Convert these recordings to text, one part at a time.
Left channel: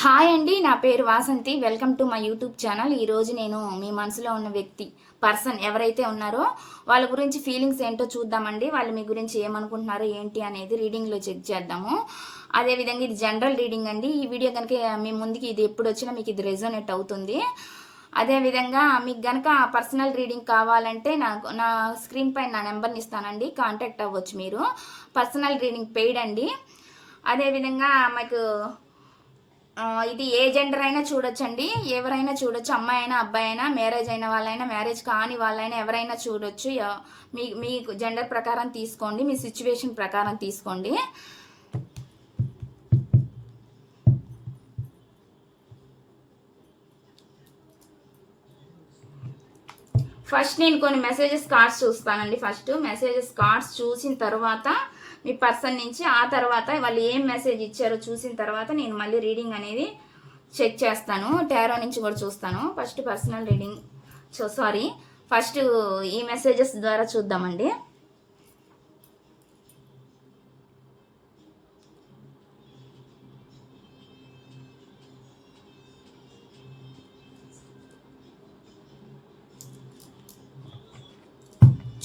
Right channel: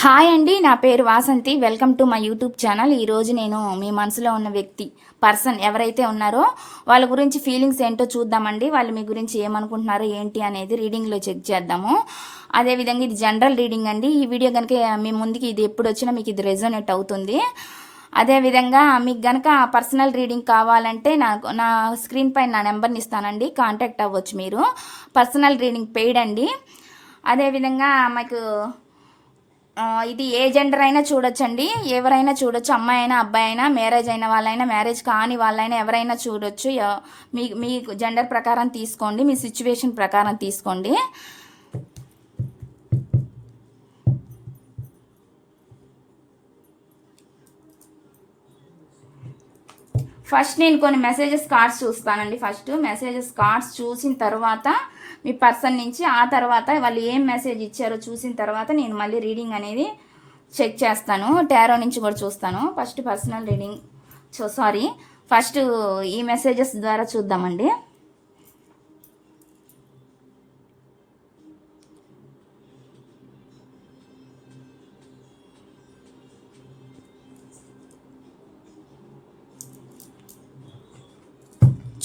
Hi అండి, నా పేరు Vasanthi. Welcome to my YouTube channel. ఈరోజు నేను మీ మనసులో ఉన్న వ్యక్తి పర్సన్ ఎవరైతే ఉన్నారో వాళ్ళ గురించి ఫీలింగ్స్ ఏంటో చూద్దామండి. వాళ్ళు మీ గురించి ఏమనుకుంటున్నారు ఏంటి అనేది రీడింగ్లో చెక్ చేద్దాము. అదేవిధంగా ఇది జనరల్ రీడింగ్ అండి. ఈ వీడియో కనుక మీ ముందుకి ఇది ఎప్పుడు వచ్చినా మీకు ఇది రెజోనేట్ అవుతుంది. అదేవిధంగా మీకు గనక పర్సనల్ రీడింగ్ కావాలంటే నా స్క్రీన్ పైన నా నెంబర్ని ఇస్తానండి, కాంటాక్ట్ అవ్వచ్చు మీరు. పర్సనల్ రీడింగ్ పెయిడ్ అండి. అదేవిధంగా మీకు ఇది ఏ జెండర్ అయినా చూడొచ్చండి, ఎవరైనా చూడొచ్చు. అమ్మాయి అయినా అబ్బాయి అయినా, మ్యారేజ్ అయిన వాళ్ళైనా మ్యారేజ్ కాని వాళ్ళైనా ఎవరైనా చూడొచ్చు. మీ జెండర్ ప్రకారం తీసుకోండి, మీ సిచ్యువేషన్ ప్రకారం తీసుకోండి. ఫస్ట్ నేను కొన్ని మెసేజెస్ కార్డ్స్ చూస్తానండి. ఫస్ట్ మెసేజెస్ కార్డ్స్ చూసిన తర్వాత మీ పర్సన్ నుంచి, ఆ తర్వాత వాళ్ళు ఏం మెసేజ్ ఇచ్చారో చూసిన తర్వాత నేను మళ్ళీ రీడింగ్ అనేది చెక్ చేస్తాను. టారో నుంచి కూడా చూస్తాను. ఫస్ట్ పర్సనల్ రీడింగ్ ఫస్ట్ ఈ మెసేజెస్ ద్వారా చూద్దామండి.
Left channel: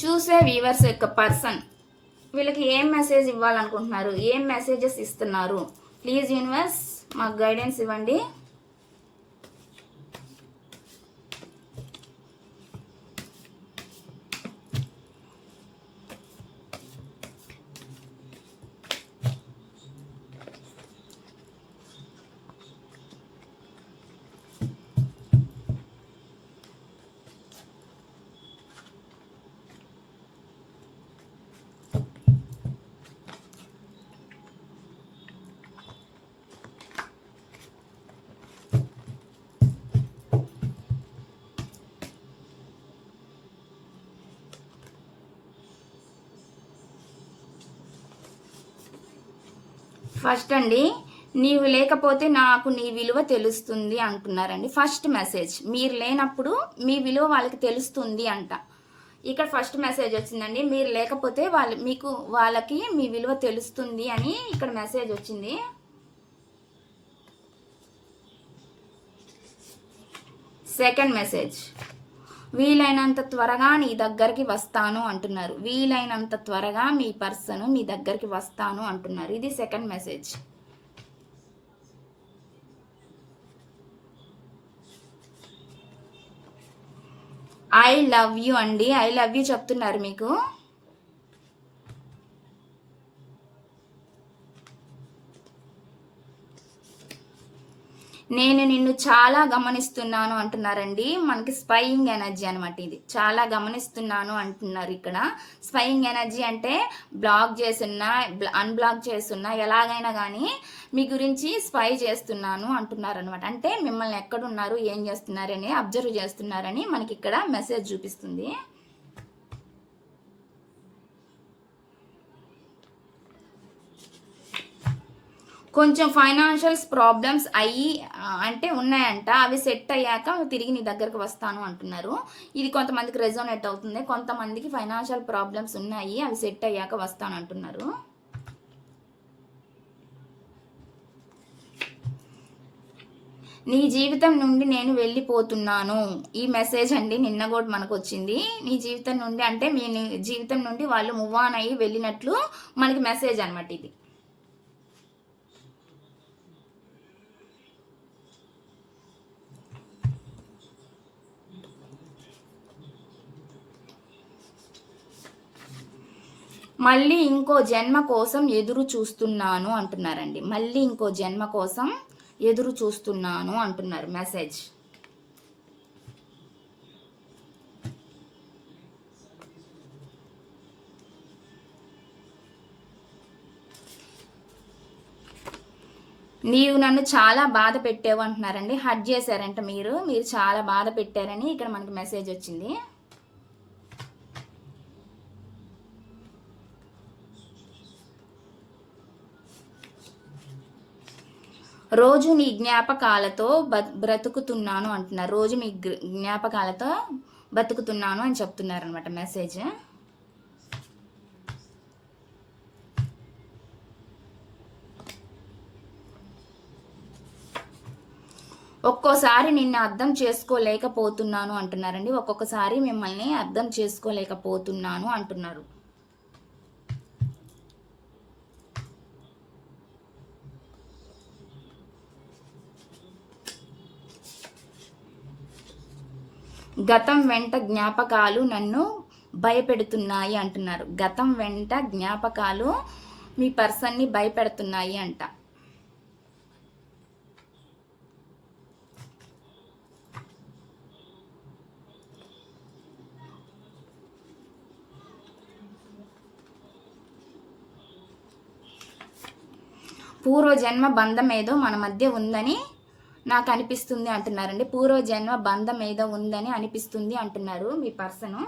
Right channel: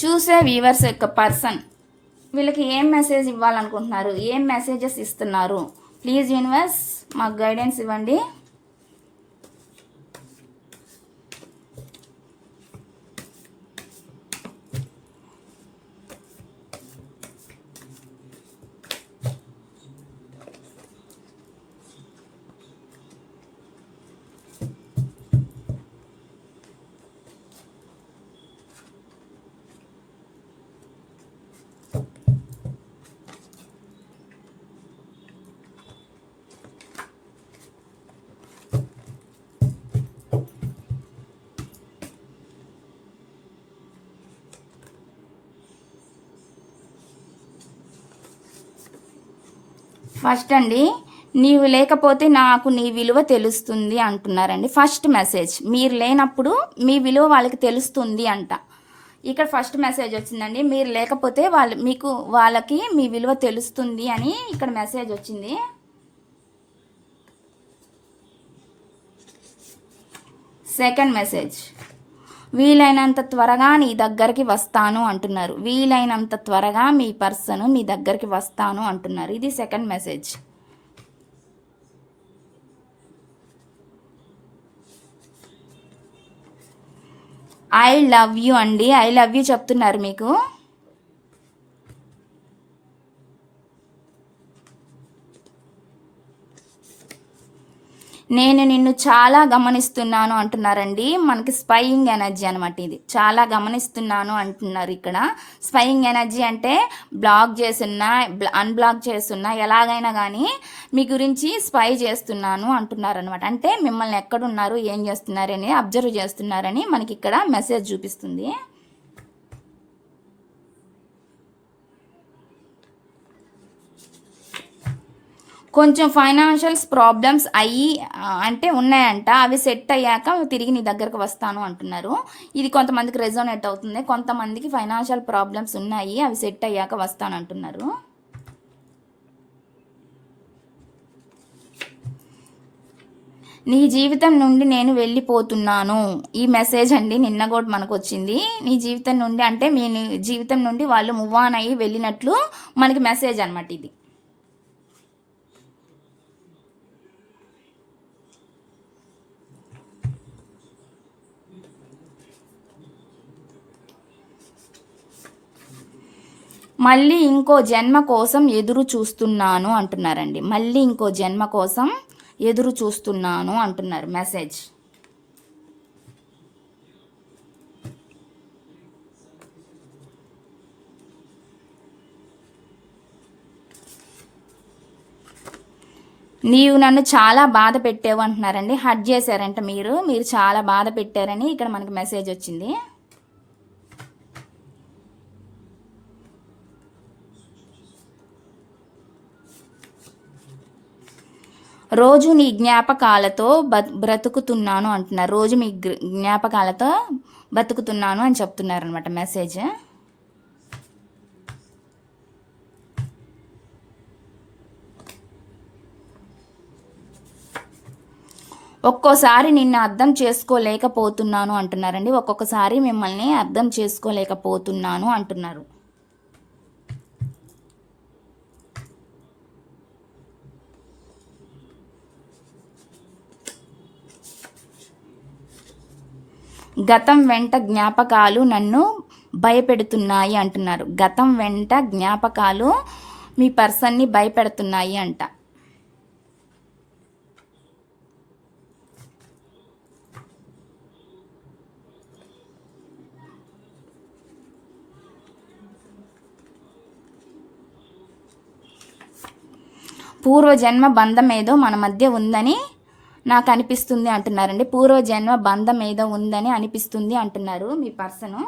చూసే వ్యూవర్స్ యొక్క పర్సన్ వీళ్ళకి ఏం మెసేజ్ ఇవ్వాలనుకుంటున్నారు, ఏం మెసేజెస్ ఇస్తున్నారు? ప్లీజ్ యూనివర్స్ మాకు గైడెన్స్ ఇవ్వండి. ఫస్ట్ అండి, నీవు లేకపోతే నాకు నీ విలువ తెలుస్తుంది అంటున్నారండి. ఫస్ట్ మెసేజ్, మీరు లేనప్పుడు మీ విలువ వాళ్ళకి తెలుస్తుంది అంట. ఇక్కడ ఫస్ట్ మెసేజ్ వచ్చిందండి, మీరు లేకపోతే వాళ్ళకి మీ విలువ తెలుస్తుంది అని ఇక్కడ మెసేజ్ వచ్చింది. సెకండ్ మెసేజ్, వీలైనంత త్వరగా నీ దగ్గరికి వస్తాను అంటున్నారు. వీలైనంత త్వరగా మీ పర్సన్ మీ దగ్గరికి వస్తాను అంటున్నారు. ఇది second message. I love you అండి, ఐ లవ్ యూ చెప్తున్నారు మీకు. నేను నిన్ను చాలా గమనిస్తున్నాను అంటున్నారండి. మనకి స్పైయింగ్ ఎనర్జీ అనమాట. ఇది చాలా గమనిస్తున్నాను అంటున్నారు. ఇక్కడ స్పైయింగ్ ఎనర్జీ అంటే బ్లాక్ చేస్తున్నా, అన్బ్లాక్ చేస్తున్నా, ఎలాగైనా కానీ మీ గురించి స్పై చేస్తున్నాను అంటున్నారు అనమాట. అంటే మిమ్మల్ని ఎక్కడున్నారు, ఏం చేస్తున్నారు అని అబ్జర్వ్ చేస్తున్నారని మనకి ఇక్కడ మెసేజ్ చూపిస్తుంది. కొంచెం ఫైనాన్షియల్స్ ప్రాబ్లమ్స్ అంటే ఉన్నాయంట. అవి సెట్ అయ్యాక తిరిగి నీ దగ్గరకు వస్తాను అంటున్నారు. ఇది కొంతమందికి రెజోనేట్ అవుతుంది. కొంతమందికి ఫైనాన్షియల్ ప్రాబ్లమ్స్ ఉన్నాయి, అవి సెట్ అయ్యాక వస్తాను అంటున్నారు. నీ జీవితం నుండి నేను వెళ్ళిపోతున్నాను. ఈ మెసేజ్ అండి నిన్న కూడా మనకు వచ్చింది. నీ జీవితం నుండి అంటే మీ జీవితం నుండి వాళ్ళు మూవ్ ఆన్ అయ్యి వెళ్ళినట్లు మనకి మెసేజ్ అనమాట ఇది. మళ్ళీ ఇంకో జన్మ కోసం ఎదురు చూస్తున్నాను అంటున్నారండి. మళ్ళీ ఇంకో జన్మ కోసం ఎదురు చూస్తున్నాను అంటున్నారు మెసేజ్. నీవు నన్ను చాలా బాధ పెట్టావు అంటున్నారండి. హర్ట్ చేశారంట మీరు చాలా బాధ పెట్టారని ఇక్కడ మనకి మెసేజ్ వచ్చింది. రోజు నీ జ్ఞాపకాలతో బ్రతుకుతున్నాను అంటున్నారు. రోజు మీ జ్ఞాపకాలతో బతుకుతున్నాను అని చెప్తున్నారు అనమాట మెసేజ్. ఒక్కోసారి నిన్ను అర్థం చేసుకోలేకపోతున్నాను అంటున్నారండి. ఒక్కొక్కసారి మిమ్మల్ని అర్థం చేసుకోలేకపోతున్నాను అంటున్నారు. గతం వెంట జ్ఞాపకాలు నన్ను భయపెడుతున్నాయి అంటున్నారు. గతం వెంట జ్ఞాపకాలు మీ పర్సన్ని భయపెడుతున్నాయి అంట. పూర్వజన్మ బంధం ఏదో మన మధ్య ఉందని నాకు అనిపిస్తుంది అంటున్నారండి. పూర్వజన్మ బంధం ఏదో ఉందని అనిపిస్తుంది అంటున్నారు మీ purse.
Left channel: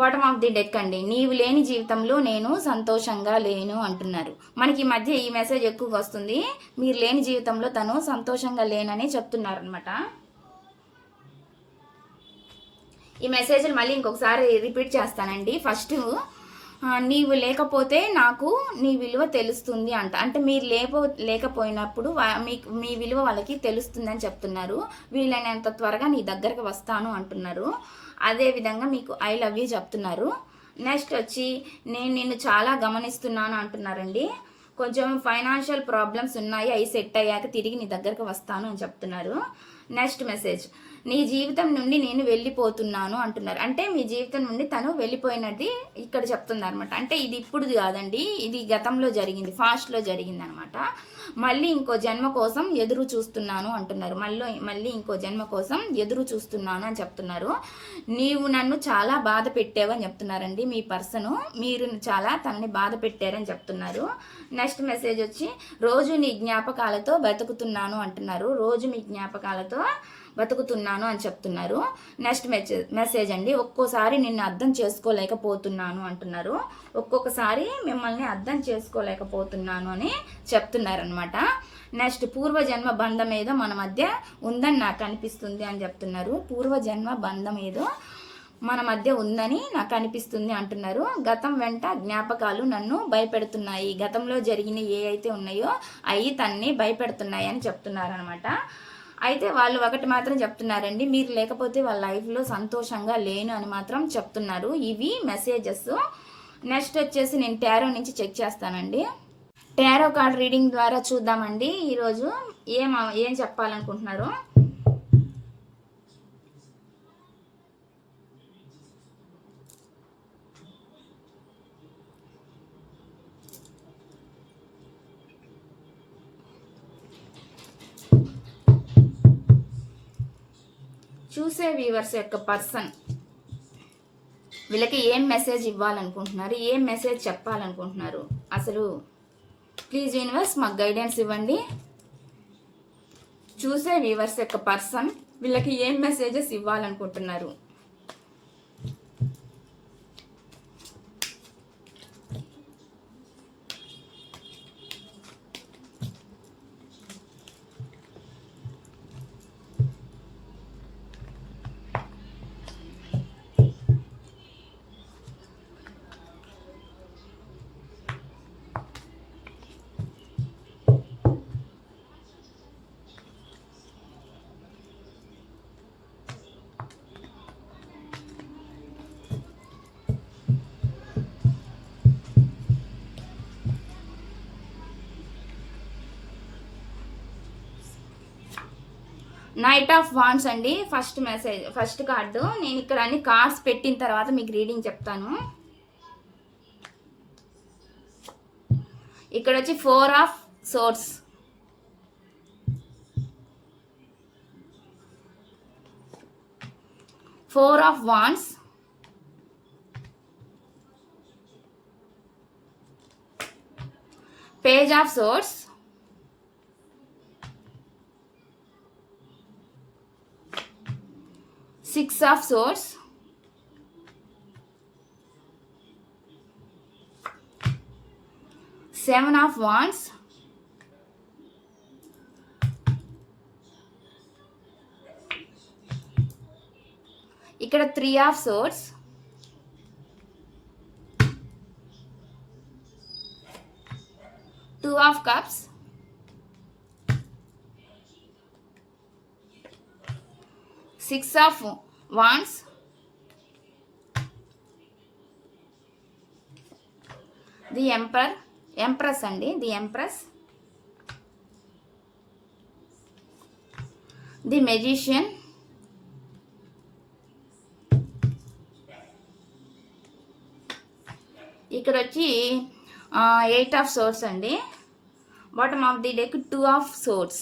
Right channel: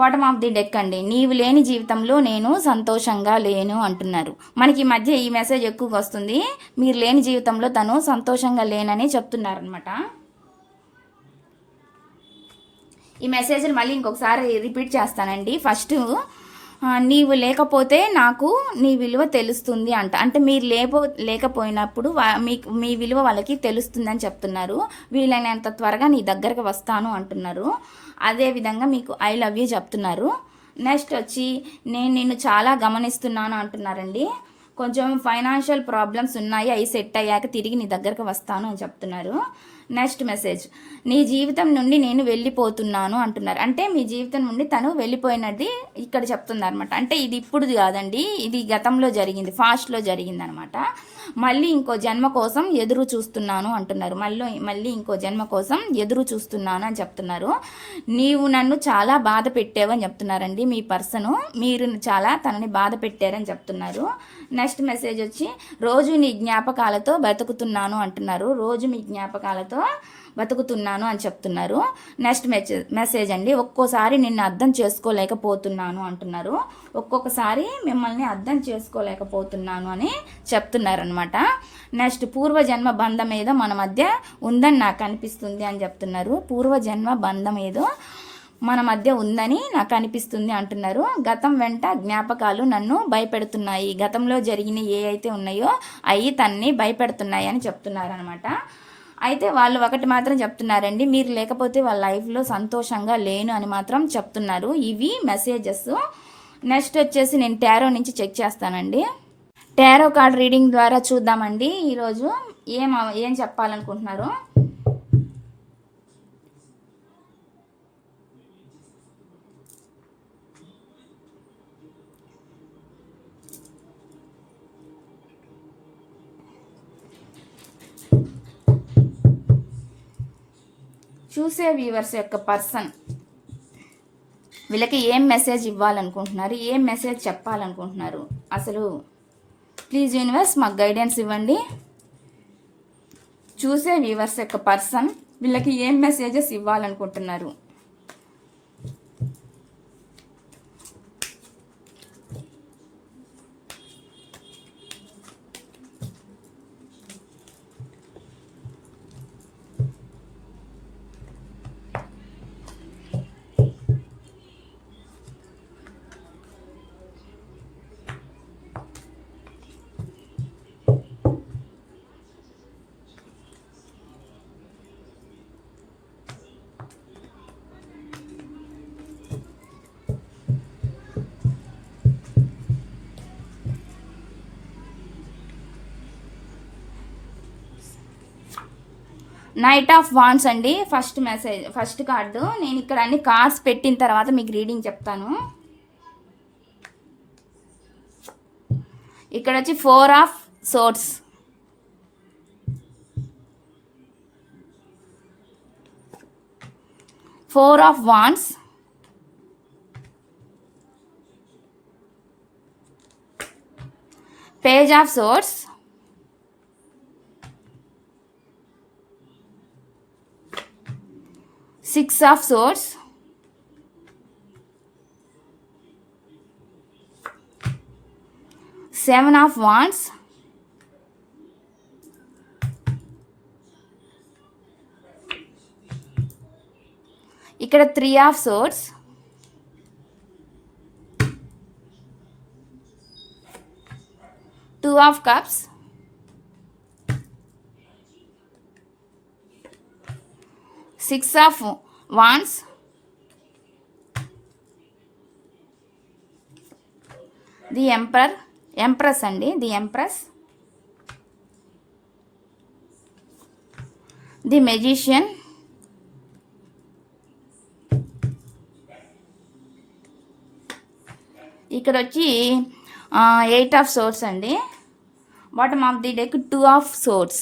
Bottom of the deck అండి. నీవు లేని జీవితంలో నేను సంతోషంగా లేను అంటున్నారు. మనకి ఈ మధ్య ఈ మెసేజ్ ఎక్కువగా వస్తుంది. మీరు లేని జీవితంలో తను సంతోషంగా లేనని చెప్తున్నారనమాట. ఈ మెసేజ్ని మళ్ళీ ఇంకొకసారి రిపీట్ చేస్తానండి. ఫస్ట్, నీవు లేకపోతే నాకు నీ విలువ తెలుస్తుంది అంట. అంటే మీరు లేకపోయినప్పుడు మీ విలువ వాళ్ళకి తెలుస్తుందని చెప్తున్నారు. వీలైనంత త్వరగా నీ దగ్గరకు వస్తాను అంటున్నారు. అదేవిధంగా మీకు ఐ లవ్ యూ చెప్తున్నారు. నెక్స్ట్ వచ్చి నేను నిన్ను చాలా గమనిస్తున్నాను అంటున్నారండి. కొంచెం ఫైనాన్షియల్ ప్రాబ్లమ్స్ ఉన్నాయి, అవి సెట్ అయ్యాక తిరిగి నీ దగ్గరకు వస్తాను అని చెప్తున్నారు. నెక్స్ట్ మెసేజ్, నీ జీవితం నుండి నేను వెళ్ళిపోతున్నాను అంటున్నారు. అంటే మీ జీవితం నుండి తను వెళ్ళిపోయినది ఇక్కడ చెప్తుంది అనమాట. అంటే ఇది ఇప్పుడుది కాదండి, ఇది గతంలో జరిగింది, ఫాస్ట్లో జరిగింది అనమాట. మళ్ళీ ఇంకో జన్మ కోసం ఎదురు చూస్తున్నాను అంటున్నారు. మళ్ళీ ఇంకో జన్మ కోసం ఎదురు చూస్తున్నాను అని చెప్తున్నారు. నీవు నన్ను చాలా బాధ పెట్టావని చెప్తున్నారండి మీ పర్సను. మీరు చాలా తనని బాధ పెట్టారని చెప్తున్నారు. నెక్స్ట్ మెసేజ్ వచ్చి రోజు నీ జ్ఞాపకాలతో బతుకుతున్నాను అంటున్నారు. రోజు మీ జ్ఞాపకాలతో బతుకుతున్నాను అని చెప్తున్నారు. నెక్స్ట్ మెసేజ్ అండి, ఒక్కోసారి నిన్ను అర్థం చేసుకోలేకపోతున్నాను అంటున్నారు. ఒక్కొక్కసారి మిమ్మల్ని అర్థం చేసుకోలేకపోతున్నాను అని చెప్తున్నారు అనమాట. నెక్స్ట్, పూర్వజన్మ బంధం ఏదో మన మధ్య ఉందని నాకు అనిపిస్తుంది అని చెప్తున్నారు. పూర్వజన్మ బంధం ఏదో మన మధ్య ఉందని నాకు అనిపిస్తుంది అంటున్నారు. గతం వెంట జ్ఞాపకాలు నన్ను భయపెడుతున్నాయి. గతంలో జరిగిన ఏ అయితే ఉన్నాయో అవి తన్ని భయపెడుతున్నాయి అని చెప్తున్నారు అనమాట. అయితే వాళ్ళు ఒకటి మాత్రం చెప్తున్నారండి, మీరు లేకపోతే వాళ్ళ లైఫ్లో సంతోషంగా లేను అని మాత్రం చెప్తున్నారు. ఇవి మెసేజెస్. నెక్స్ట్ వచ్చేసి నేను టారో నుంచి చెక్ చేస్తానండి. టారో కార్డ్ రీడింగ్ ద్వారా చూద్దామండి ఈరోజు ఏం చెప్పాలనుకుంటున్నారు. చూసే వ్యూవర్స్ యొక్క పర్సన్ వీళ్ళకి ఏం మెసేజ్ ఇవ్వాలనుకుంటున్నారు, ఏం మెసేజ్ చెప్పాలనుకుంటున్నారు, అసలు ప్లీజ్ యూనివర్స్ మాకు గైడెన్స్ ఇవ్వండి. చూసే వ్యూవర్స్ యొక్క పర్సన్ వీళ్ళకి ఏం మెసేజెస్ ఇవ్వాలనుకుంటున్నారు. నైట్ ఆఫ్ వాండ్స్ అండి ఫస్ట్ కార్డు. నేను ఇక్కడ అన్ని కార్డ్స్ పెట్టిన తర్వాత మీకు రీడింగ్ చెప్తాను. ఇక్కడ వచ్చి 4 of swords, 4 of wands, page of swords, Six of Swords, Seven of Wands, ఇక్కడ 3 of Swords, Two of Cups, six of wands, the empress అండి, ది ఎంప్రెస్, ది మెజిషియన్, ఇక్కడ వచ్చి 8 ఆఫ్ సోర్స్ అండి. Bottom of the deck 2 of swords.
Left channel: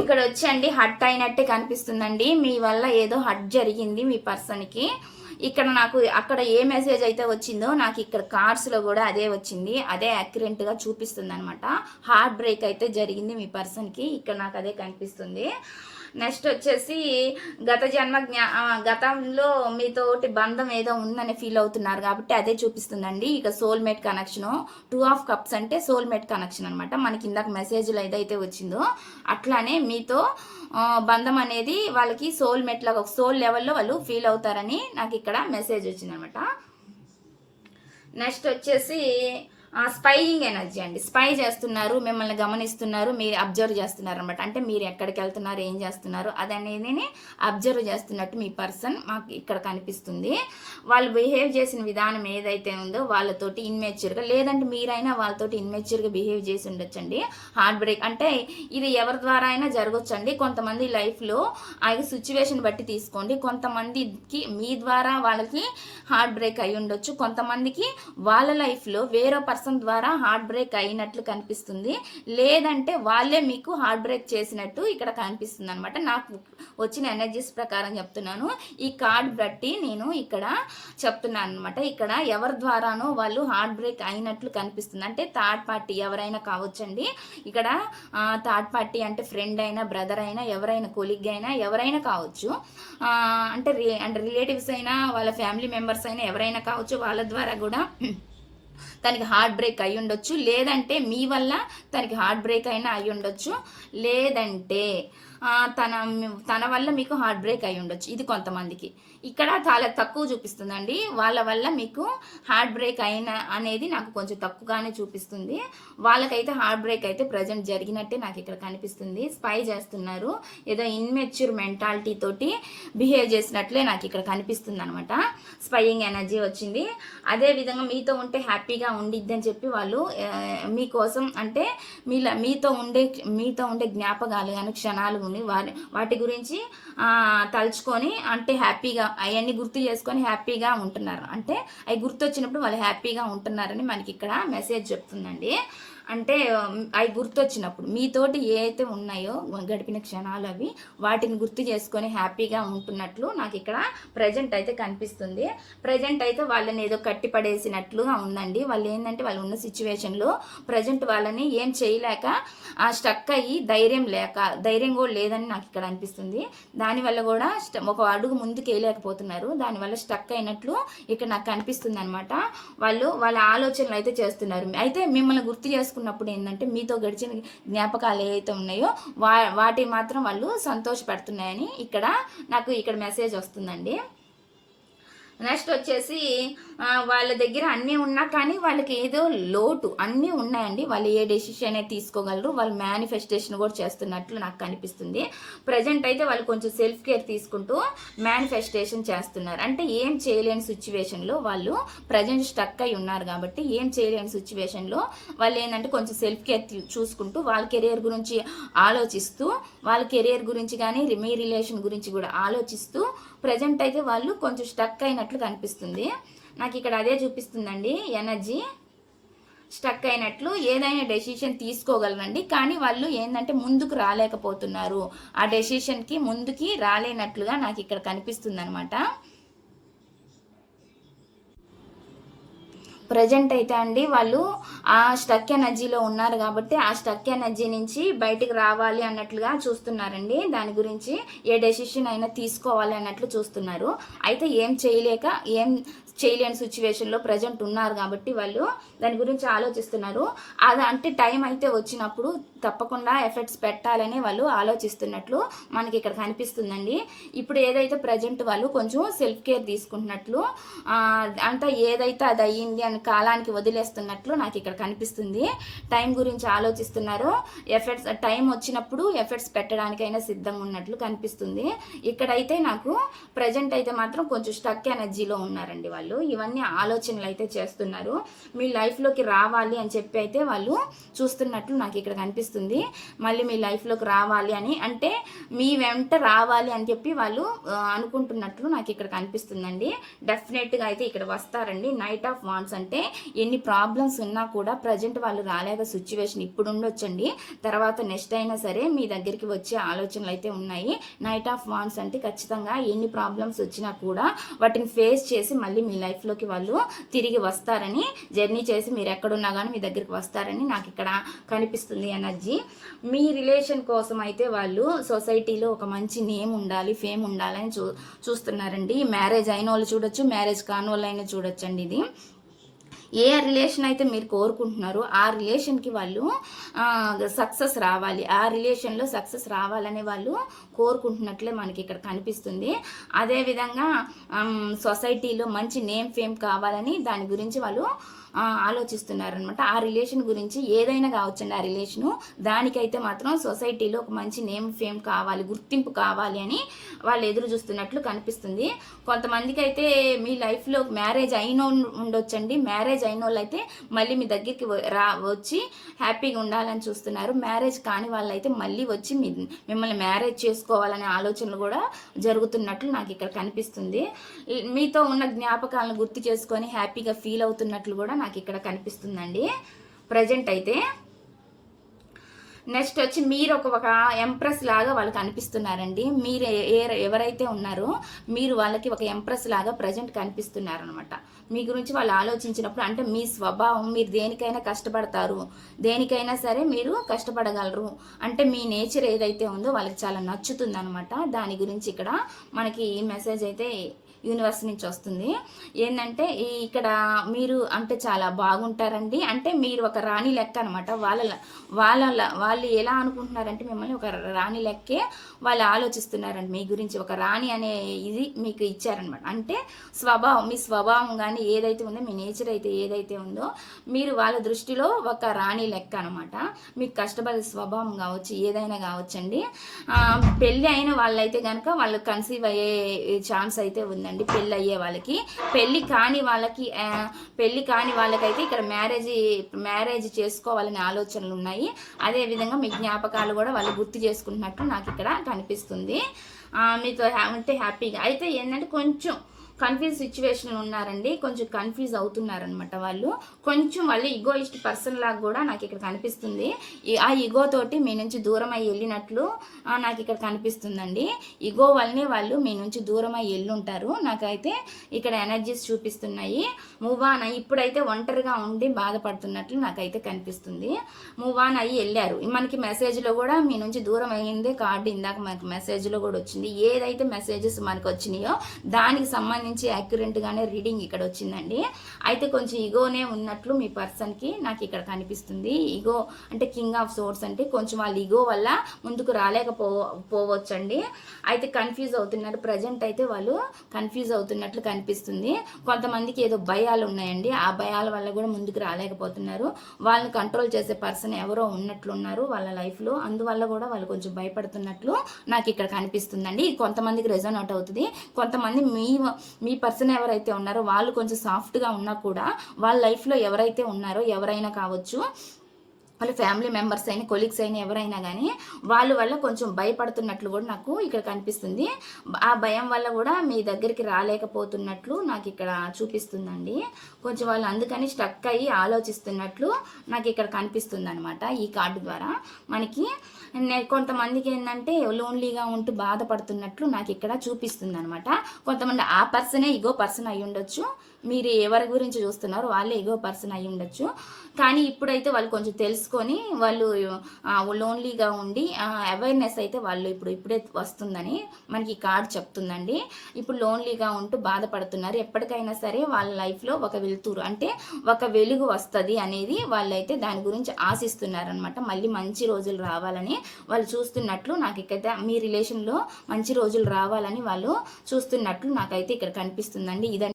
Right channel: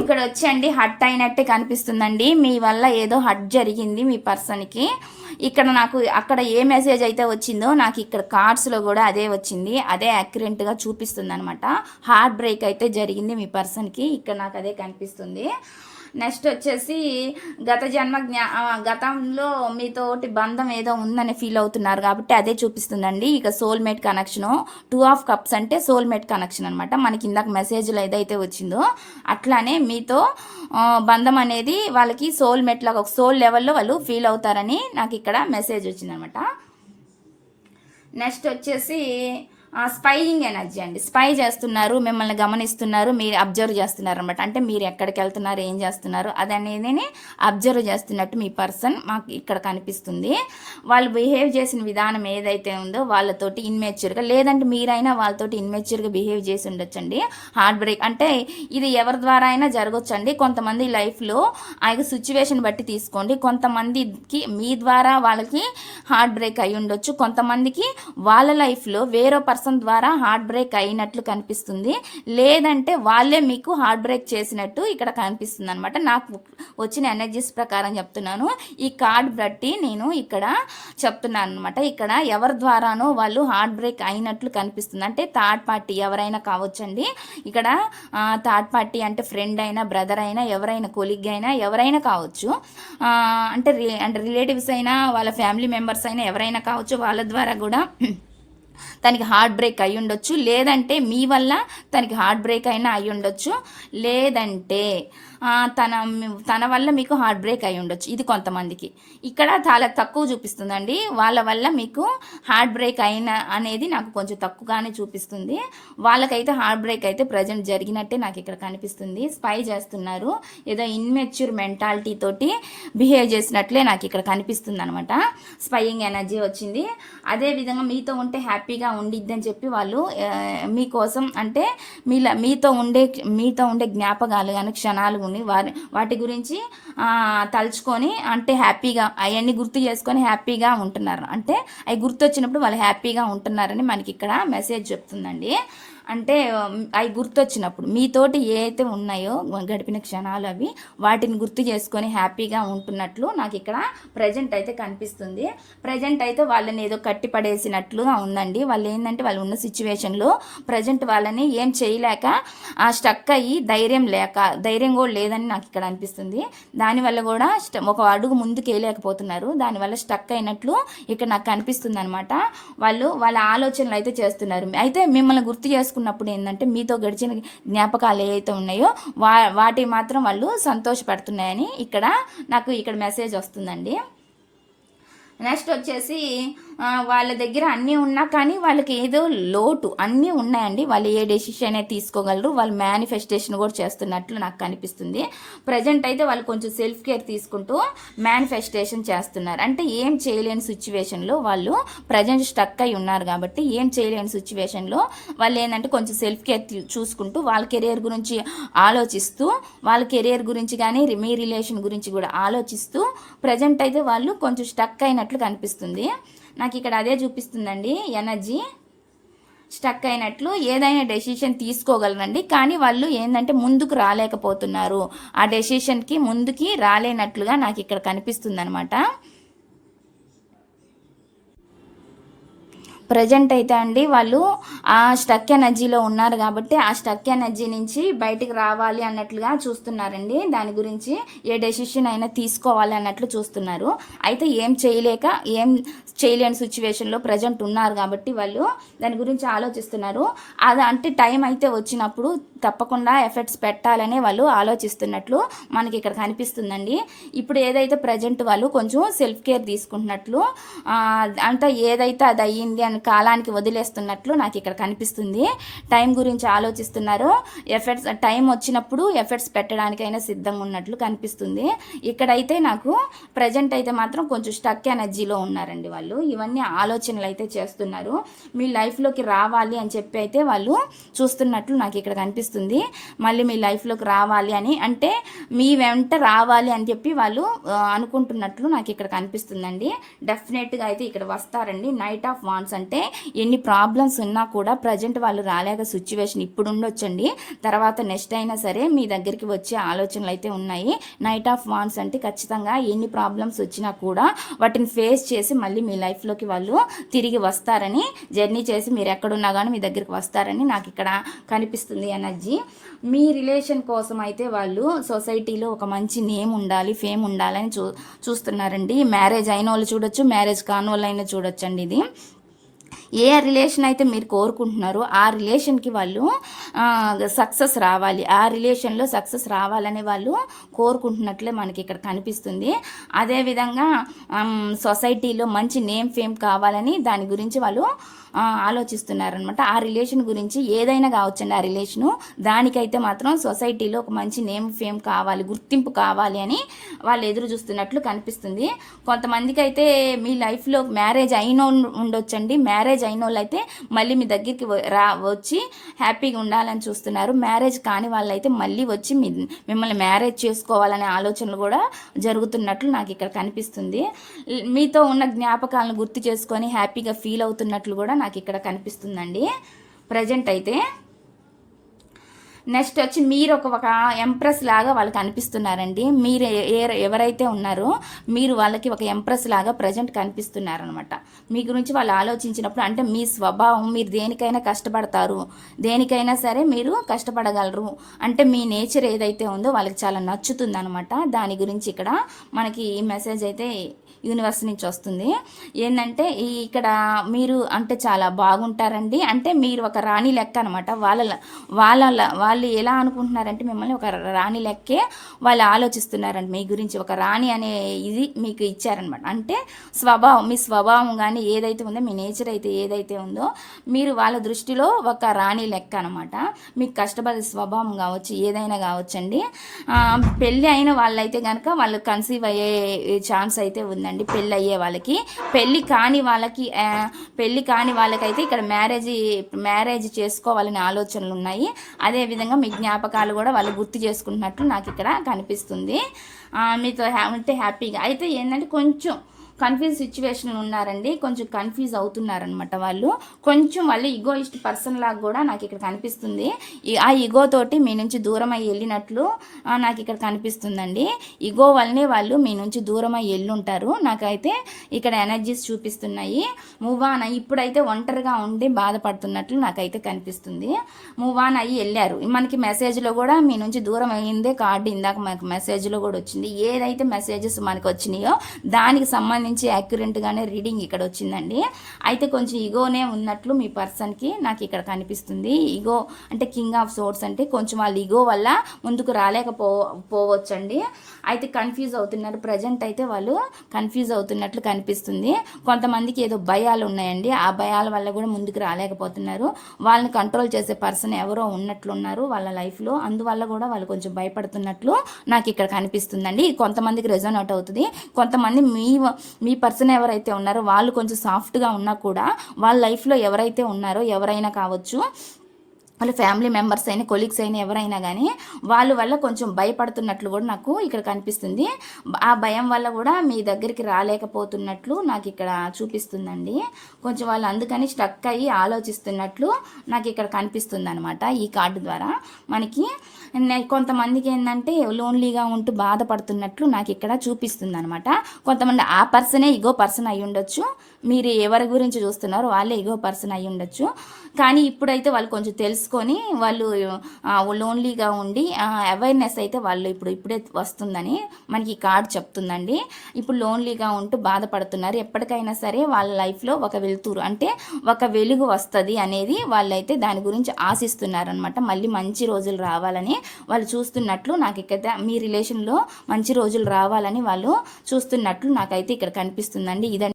ఇక్కడ వచ్చండి hot అయినట్టే కనిపిస్తుందండి. మీ వల్ల ఏదో హట్ జరిగింది మీ పర్సన్కి. ఇక్కడ నాకు అక్కడ ఏ మెసేజ్ అయితే వచ్చిందో నాకు ఇక్కడ కార్డ్స్లో కూడా అదే వచ్చింది, అదే యాక్యురేట్గా చూపిస్తుంది అనమాట. హార్ట్ బ్రేక్ అయితే జరిగింది మీ పర్సన్కి, ఇక్కడ నాకు అదే కనిపిస్తుంది. నెక్స్ట్ వచ్చేసి గతంలో మీతోటి బంధం ఏదో ఉందని ఫీల్ అవుతున్నారు కాబట్టి అదే చూపిస్తుందండి. ఇక సోల్మేట్ కనెక్షను, 2 ఆఫ్ కప్స్ అంటే సోల్మేట్ కనెక్షన్ అనమాట. మనకి ఇందాక మెసేజ్లో ఏదైతే వచ్చిందో అట్లానే మీతో బంధం అనేది వాళ్ళకి సోల్మేట్ లాగా ఒక సోల్ లెవెల్లో వాళ్ళు ఫీల్ అవుతారని నాకు ఇక్కడ మెసేజ్ వచ్చిందనమాట. నెక్స్ట్ వచ్చేసి స్పైయింగ్ ఎనర్జీ అండి. స్పై చేస్తున్నారు, మిమ్మల్ని గమనిస్తున్నారు, మీరు అబ్జర్వ్ చేస్తున్నారు అనమాట. అంటే మీరు ఎక్కడికి వెళ్తున్నారు, ఏం చేస్తున్నారు అదనేది అబ్జర్వ్ చేస్తున్నట్టు మీ పర్సన్ మాకు ఇక్కడ కనిపిస్తుంది. వాళ్ళు బిహేవ్ చేసిన విధానం ఏదైతే ఉందో వాళ్ళతోటి ఇన్మెచ్యూర్గా, లేదంటే మీరైనా వాళ్ళతోటి ఇన్మెచ్యూర్గా బిహేవ్ చేసి ఉండొచ్చండి. హార్ట్ బ్రేక్ అంటే ఇది ఎవరి ద్వారా అయినా జరగొచ్చండి. కొంతమంది లైఫ్లో ఆ సిచ్యువేషన్ బట్టి తీసుకోండి. కొంతమందికి మీ ద్వారా వాళ్ళకి హార్ట్ బ్రేక్ అయి ఉండొచ్చు, కొంతమందికి వాళ్ళ లైఫ్లో వేరే పర్సన్ ద్వారా హార్ట్ బ్రేక్ అయినట్లు కనిపిస్తుంది, లేదంటే వాళ్ళే మీకు హార్ట్ బ్రేక్ చేసినట్టు ఇక్కడ కనిపిస్తుంది అనమాట. నాకు వచ్చిన ఎనర్జీస్ ప్రకారం చెప్తున్నాను. ఈ కార్డ్ బట్టి నేను ఇక్కడ చెప్తున్నాను అనమాట. ఇక్కడ ఎవరి ద్వారానో వాళ్ళు హార్ట్ బ్రేక్ అయినట్లు కనిపిస్తుంది. అంటే థర్డ్ పార్టీ ఎవరైనా కావచ్చండి. ఇక్కడ థర్డ్ పార్టీ అంటే ఫ్రెండ్ అయినా, బ్రదర్ అయినా, ఎవరైనా కొలీగ్ అయినా, ఎవరైనా కావచ్చు. అంటే రిలేటివ్స్ అయినా, వాళ్ళ ఫ్యామిలీ మెంబర్స్ అయినా ఎవరైనా కావచ్చు. వాళ్ళ ద్వారా కూడా తనకి హార్ట్ బ్రేక్ అయి ఉండొచ్చు, లేదంటే మీ వల్ల తనకి హార్ట్ బ్రేక్ అయినా అయి ఉండొచ్చు, లేదంటే తన వల్ల మీకు హార్ట్ బ్రేక్ అయి ఉండొచ్చు. ఇది కొంతమందికి ఇక్కడ చాలా తక్కువ చూపిస్తుందండి. వాళ్ళ వల్ల మీకు హార్ట్ బ్రేక్ అయిన అనేది నాకు కొంచెం తక్కువగానే చూపిస్తుంది. వాళ్ళకైతే హార్ట్ బ్రేక్ అయితే ప్రజెంట్ జరిగినట్టే నాకు ఇక్కడ కనిపిస్తుంది. స్పై చేస్తున్నారు, ఏదో ఇన్మెచ్యూర్ మెంటాలిటీ తోటి బిహేవ్ చేసినట్లే నాకు ఇక్కడ కనిపిస్తుంది అనమాట. స్పైయింగ్ ఎనర్జీ వచ్చింది. అదేవిధంగా మీతో ఉంటే హ్యాపీగా ఉండిద్దని చెప్పి వాళ్ళు మీకోసం అంటే మీతో ఉండే జ్ఞాపకాలు కానీ క్షణాలు ఉండి వాటి గురించి తలుచుకొని అంటే హ్యాపీగా అవన్నీ గుర్తు చేసుకొని హ్యాపీగా ఉంటున్నారు. అంటే అవి గుర్తొచ్చినప్పుడు వాళ్ళు హ్యాపీగా ఉంటున్నారని మనకి ఇక్కడ మెసేజ్ చెప్తుందండి. అంటే అవి గుర్తొచ్చినప్పుడు మీతోటి ఏవైతే ఉన్నాయో గడిపిన క్షణాలు అవి వాటిని గుర్తు చేసుకొని హ్యాపీగా ఉంటున్నట్లు నాకు ఇక్కడ ప్రజెంట్ అయితే కనిపిస్తుంది. ప్రజెంట్ అయితే వాళ్ళని ఏదో కట్టి పడేసినట్లుగా ఉందండి. వాళ్ళు ఏంటంటే వాళ్ళు ఉన్న సిచ్యువేషన్లో ప్రజెంట్ వాళ్ళని ఏం చేయలేక స్టక్ అయ్యి ధైర్యం కూడా లేదని నాకు ఇక్కడ అనిపిస్తుంది. దానివల్ల కూడా ఒక అడుగు ముందుకు వేయలేకపోతున్నారు. దానివల్ల స్టక్ అయినట్లు ఇక్కడ నాకు కనిపిస్తుంది అనమాట. వాళ్ళ ఆలోచనలు అయితే చేస్తున్నారు. అయితే మిమ్మల్ని గుర్తు చేసుకున్నప్పుడు ఏంటంటే మీతో గడిచిన జ్ఞాపకాలు ఏవైతే ఉన్నాయో వాటి మాత్రం వాళ్ళు సంతోషపడుతున్నాయని ఇక్కడ నాకు ఇక్కడ మెసేజ్ వస్తుందండి. నెక్స్ట్ వచ్చేసి వాళ్ళ దగ్గర అన్నీ ఉన్నా కానీ వాళ్ళకి ఏదో లోటు, అన్నీ ఉన్నాయండి. వాళ్ళు ఏ డెసిషన్ అయితే తీసుకోగలరు, వాళ్ళు మేనిఫెస్టేషన్ కూడా చేస్తున్నట్లు నాకు కనిపిస్తుంది. ప్రజెంట్ అయితే వాళ్ళు కొంచెం సెల్ఫ్ కేర్ తీసుకుంటూ మేనిఫెస్టేషన్ చేస్తున్నారు. అంటే ఏం చేయలేని సిచ్యువేషన్లో వాళ్ళు ప్రజెంట్ స్టక్ అయి ఉన్నారు కాబట్టి ఏం చేయలేని సిచ్యువేషన్లో వాళ్ళు ఏంటంటే కొంచెం సెల్ఫ్ కేర్ చూసుకుంటూ వాళ్ళ కెరియర్ గురించి ఆలోచిస్తూ, వాళ్ళ కెరియర్ గురించి కానీ మీ రిలేషన్ గురించి కూడా ఆలోచిస్తూ ప్రజెంట్ అయితే వాళ్ళు కొంచెం స్టక్ అయినట్లు కనిపిస్తుంది. నాకు ఇక్కడ అదే చూపిస్తుందండి ఎనర్జీ. స్టక్ అయినట్లు ఏదైనా డెసిషన్ తీసుకోగలరండి, కానీ వాళ్ళు ఏంటంటే ముందుకు రాలేకపోతున్నారు. ఆ డెసిషన్కి ముందుకి రాలేనట్లుగా నాకు ఇక్కడ కనిపిస్తుంది అనమాట. ప్రజెంట్ అయితే అండి వాళ్ళు ఆ స్టక్ ఎనర్జీలో ఉన్నారు కాబట్టి ఆ స్టక్ ఎనర్జీ నుంచి బయటికి రావాలి అన్నట్లుగా చూస్తున్నారండి. దాని గురించి ఏ డెసిషన్ అయినా తీసుకోవాలి అన్నట్లు చూస్తున్నారు. అయితే ఏం చేయలేని సిచ్యువేషన్లో ప్రజెంట్ ఉన్నారు కాబట్టి వాళ్ళు దాని గురించి ఆలోచిస్తున్నారు. అంటే టైం అయితే వచ్చినప్పుడు తప్పకుండా ఎఫెక్ట్స్ పెట్టాలనే వాళ్ళు ఆలోచిస్తున్నట్లు మనకి ఇక్కడ కనిపిస్తుందండి. ఇప్పుడు ఏదైతే ప్రజెంట్ వాళ్ళు కొంచెం సెల్ఫ్ కేర్ తీసుకుంటున్నట్లు అంటే ఏదైతే అది అయ్యింది వాళ్ళని కాలానికి వదిలేస్తున్నట్లు నాకు ఇక్కడ కనిపిస్తుంది. టైం గురించి ఆలోచిస్తున్నారు. టైం వచ్చినప్పుడు ఎఫర్ట్స్ పెట్టడానికైనా సిద్ధంగా ఉన్నట్లు కనిపిస్తుంది. ఇక్కడైతే నాకు ప్రజెంట్ అయితే మాత్రం కొంచెం స్టక్ ఎనర్జీలో ఉన్నారండి వాళ్ళు. ఇవన్నీ ఆలోచనలు అయితే చేస్తున్నారు. మీ లైఫ్లోకి రావాలి అని చెప్పి అయితే వాళ్ళు చూస్తున్నట్లు నాకు ఇక్కడ కనిపిస్తుంది. మళ్ళీ మీ లైఫ్లోకి రావాలి అని, అంటే మీ వెంట రావాలి అని చెప్పి వాళ్ళు అనుకుంటున్నట్లు నాకు ఇక్కడ కనిపిస్తుందండి. డెఫినెట్గా అయితే ఇక్కడ వస్తారండి. నైట్ ఆఫ్ వాండ్స్ అంటే ఎన్ని ప్రాబ్లమ్స్ ఉన్నా కూడా ప్రజెంట్ వాళ్ళు రాలేక సిచ్యువేషన్ ఇప్పుడు ఉండొచ్చండి. తర్వాత నెక్స్ట్ అయినా సరే మీ దగ్గరికి వచ్చే ఆలోచనలు అయితే ఉన్నాయి. నైట్ ఆఫ్ వాండ్స్ అంటే ఖచ్చితంగా ఎన్ని ప్రాబ్లమ్స్ వచ్చినా కూడా వాటిని ఫేస్ చేసి మళ్ళీ మీ లైఫ్లోకి వాళ్ళు తిరిగి వస్తారని, జర్నీ చేసి మీరు ఎక్కడున్నా కానీ మీ దగ్గరికి వస్తారని నాకు ఇక్కడ కనిపిస్తుంది ఎనర్జీ. మీ రిలేషన్ కోసం అయితే వాళ్ళు సొసైటీలో ఒక మంచి నేమ్ ఉండాలి, ఫేమ్ ఉండాలని చూస్తున్నారండి. మ్యారేజ్ అయిన వాళ్ళు చూడొచ్చు, మ్యారేజ్ కాని వాళ్ళు అయినా చూడొచ్చండి. ఇది ఏ రిలేషన్ అయితే మీరు కోరుకుంటున్నారో ఆ రిలేషన్కి వాళ్ళు సక్సెస్ రావాలి, ఆ రిలేషన్లో సక్సెస్ రావాలని వాళ్ళు కోరుకుంటున్నట్లే మనకి ఇక్కడ కనిపిస్తుంది. అదేవిధంగా సొసైటీలో మంచి నేమ్ ఫేమ్ కావాలని దాని గురించి వాళ్ళు ఆలోచిస్తున్నారనమాట. ఆ రిలేషన్ గురించి ఏదైనా కావచ్చండి. ఆ రిలేషను దానికైతే మాత్రం సొసైటీలో ఒక మంచి నేమ్ ఫేమ్ కావాలి, గుర్తింపు కావాలి అని వాళ్ళు ఎదురు చూస్తున్నట్లు కనిపిస్తుంది. కొంతమందికి అయితే మీ లైఫ్లో మ్యారేజ్ అయిన ఉండొచ్చండి. మ్యారేజ్ అయిన వాళ్ళు అయితే మళ్ళీ మీ దగ్గరికి వచ్చి హ్యాపీగా ఉండాలని చూస్తున్నారు. మ్యారేజ్ కాని వాళ్ళైతే మళ్ళీ వచ్చి మిమ్మల్ని మ్యారేజ్ చేసుకోవాలనే ఆలోచనలు కూడా జరుగుతున్నట్లు నాకు ఇక్కడ కనిపిస్తుంది. మీతో ఉన్న జ్ఞాపకాలను గుర్తు చేసుకొని హ్యాపీగా ఫీల్ అవుతున్నట్లు కూడా నాకు ఇక్కడ కనిపిస్తుందండి ప్రజెంట్ అయితే. నెక్స్ట్ వచ్చి మీరు ఒక ఎంప్రెస్ లాగా వాళ్ళకి అనిపిస్తున్నారండి. మీరు ఎవరైతే ఉన్నారో మీరు వాళ్ళకి ఒక ఎంప్రెస్ లాగా ప్రజెంట్ కనిపిస్తున్నారనమాట. మీ గురించి వాళ్ళు ఆలోచించినప్పుడు, అంటే మీ స్వభావం, మీరు దేనికైనా కష్టపడతారు, దేనికైనా సరే మీరు కష్టపడగలరు, అంటే మీ నేచర్ ఏదైతే ఉందో వాళ్ళకి చాలా నచ్చుతుంది అనమాట. దాని గురించి ఇక్కడ మనకి ఈ మెసేజ్ అయితే యూనివర్స్ నుంచి వస్తుంది. ఏంటంటే ఇక్కడ మీరు అంటే చాలా బాగుంటారండి. అంటే మీరు ఒక రాణి లెక్క అనమాట. వాళ్ళు ఎలా అనుకుంటున్నారంటే మిమ్మల్ని ఒక రాణి లెక్కే వాళ్ళు ఆలోచిస్తున్నారండి. మీ గురించి ఒక రాణి అనే ఇది మీకు ఇచ్చారనమాట. అంటే మీ స్వభావం కానీ ఏదైతే ఉందో, మీ నేచర్ అయితే ఏదైతే ఉందో, మీరు వాళ్ళ దృష్టిలో ఒక రాణి లెక్క అనమాట. మీకు కష్టపడే స్వభావం కావచ్చు, ఏదైనా కావచ్చండి. పెళ్ళి అయిన వాళ్ళైతే కనుక వాళ్ళు కన్సీవ్ అయ్యే ఛాన్స్ అయితే ఉందండి. పెళ్ళి అయ్యే వాళ్ళకి. పెళ్ళి కాని వాళ్ళకైతే ఇక్కడ మ్యారేజ్ చేసుకోవాలనే ఆలోచనలు ఉన్నాయి. అదేవిధంగా మీ జ్ఞాపకాలు కూడా వాళ్ళు గుర్తు చేసుకుంటున్నట్టు నాకు ఇక్కడ కనిపిస్తుంది. మీతో ఉంటే హ్యాపీగా అయితే ఏంటంటే కొంచెం కన్ఫ్యూజ్ సిచ్యువేషన్ ఉన్నారండి. కొంచెం కన్ఫ్యూజ్ అవుతున్నారనమాట వాళ్ళు. వాళ్ళు ఈగోయిస్ట్ పర్సన్ లాగా కూడా నాకు ఇక్కడ కనిపిస్తుంది. ఆ ఈగో తోటి మీ నుంచి దూరం అయ్యి వెళ్ళినట్లు నాకు ఇక్కడ కనిపిస్తుందండి. ఈగో వల్లనే వాళ్ళు మీ నుంచి దూరం అయ్యి వెళ్ళుంటారు. నాకైతే ఇక్కడ ఎనర్జీస్ చూపిస్తున్నాయి. మూవ్ ఆన్ అయ్యి ఇప్పుడైతే ఒంటరిగా ఉండి బాధపడుతున్నట్లు నాకైతే కనిపిస్తుంది. మూవ్ ఆన్ అయ్యి వెళ్ళారు. మనకి మెసేజ్లో కూడా మీ నుంచి దూరం అయ్యిందే కార్డు ఇందాక మనకు మెసేజ్లో కూడా వచ్చింది. ఏదైతే మెసేజెస్ మనకు వచ్చినాయో దానికి సంబంధించి యాక్యురేట్గానే రీడింగ్ ఇక్కడ వచ్చిందండి. అయితే కొంచెం ఈగోనే ఉన్నట్లు మీ పర్సన్కి నాకు ఇక్కడ కనిపిస్తుంది. ఈగో అంటే కింగ్ ఆఫ్ సోర్డ్స్, అంటే కొంచెం వాళ్ళ ఈగో వల్ల ముందుకు రాలేకపోవచ్చండి. అయితే కన్ఫ్యూజ్ అవుతున్నారు. ప్రజెంట్ అయితే వాళ్ళు కన్ఫ్యూజ్ అవుతున్నట్లు కనిపిస్తుంది. కొంతమందికి ఏదో భయాలు ఉన్నాయండి. ఆ భయాల వల్ల కూడా ముందుకు రాలేకపోతున్నారు. వాళ్ళని కంట్రోల్ చేసే పర్సన్ ఎవరో ఉన్నట్లున్నారు వాళ్ళ లైఫ్లో. అందువల్ల కూడా వాళ్ళు కొంచెం భయపడుతున్నట్లు నాకు ఇక్కడ కనిపిస్తుందండి. కొంతమందికి రెజోనేట్ అవుతుంది. కొంతమంది మీ పర్సన్ ఎవరైతే ఉన్నారో వాళ్ళు కొంచెం సాఫ్ట్గా ఉన్నా కూడా వాళ్ళ లైఫ్లో ఎవరైతే ఉన్నారో, ఎవరైనా కావచ్చు, వాళ్ళ ఫ్యామిలీ మెంబర్స్ అయినా, కొలీగ్స్ అయినా, ఎవరైనా కానీ వాళ్ళ వల్ల కొంచెం భయపడుతున్నట్లు కూడా నాకు ఇక్కడ కనిపిస్తుంది. ఆ భయం వల్ల కూడా మీ దగ్గరికి రాలేకపోతున్నట్లు నాకు ఇక్కడ చూపిస్తుందండి. కొంచెం వాళ్ళు అందుకని స్టక్ అయ్యి ఆలోచిస్తున్నట్లు నాకు ఇక్కడ కనిపిస్తుంది అనమాట ఈ కార్డు ద్వారా మనకి. కొంతమందికి ఏంటంటే లోన్లీగా ఉంటూ బాధపడుతున్నట్లు నాకు ఇక్కడ చూపిస్తుంది అనమాట. కొంతమంది ఆ పర్సనే ఈగో పర్సన్ అయి ఉండొచ్చు. మీరు ఎవరి గురించి చూస్తున్నారో వాళ్ళే ఈగో పర్సన్ అయి ఉండొచ్చు. కానీ ఇప్పుడైతే వాళ్ళు కొంచెం తెలుసుకొని వాళ్ళు లోన్లీగా ఉండి అవేర్నెస్ అయితే వాళ్ళు ఇప్పుడే వస్తుందని మనకి ఈ కార్డు చెప్తుందండి. ఇప్పుడు లోన్లీగా ఉంటూ బాధపడుతున్నారు. ఎప్పటికైనా సరే వాళ్ళ లైఫ్లో ఒక వెలుతురు, అంటే ఒక వెలుగు వస్తుంది అనేది వాళ్ళైతే దాని గురించి ఆశిస్తున్నారనమాట. మళ్ళీ మంచి రోజులు రావాలని వాళ్ళు చూస్తున్నట్లు నాకు ఇక్కడ మీ రిలేషన్లో మంచి రోజులు రావాలని వాళ్ళు చూస్తున్నట్లు నాకైతే ఇక్కడ కనిపిస్తుందండి. ఇదండి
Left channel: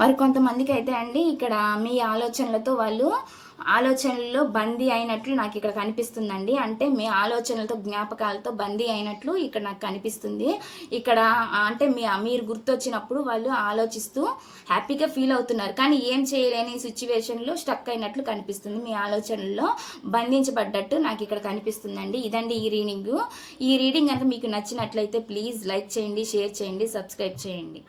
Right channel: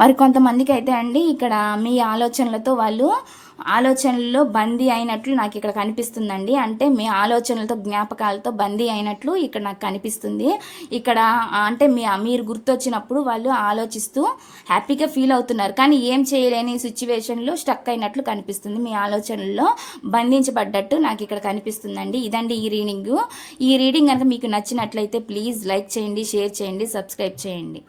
మరి కొంతమందికి అయితే అండి ఇక్కడ మీ ఆలోచనలతో వాళ్ళు ఆలోచనల్లో బందీ అయినట్లు నాకు ఇక్కడ కనిపిస్తుందండి. అంటే మీ ఆలోచనలతో జ్ఞాపకాలతో బందీ అయినట్లు ఇక్కడ నాకు కనిపిస్తుంది. ఇక్కడ అంటే మీరు గుర్తొచ్చినప్పుడు వాళ్ళు ఆలోచిస్తూ హ్యాపీగా ఫీల్ అవుతున్నారు, కానీ ఏం చేయలేని సిచ్యువేషన్లో స్టక్ అయినట్లు కనిపిస్తుంది. మీ ఆలోచనల్లో బంధించబడ్డట్టు నాకు ఇక్కడ కనిపిస్తుందండి. ఇదండి ఈ రీడింగ్. ఈ రీడింగ్ కనుక మీకు నచ్చినట్లయితే ప్లీజ్ లైక్ చేయండి, షేర్ చేయండి, సబ్స్క్రైబ్ చేయండి.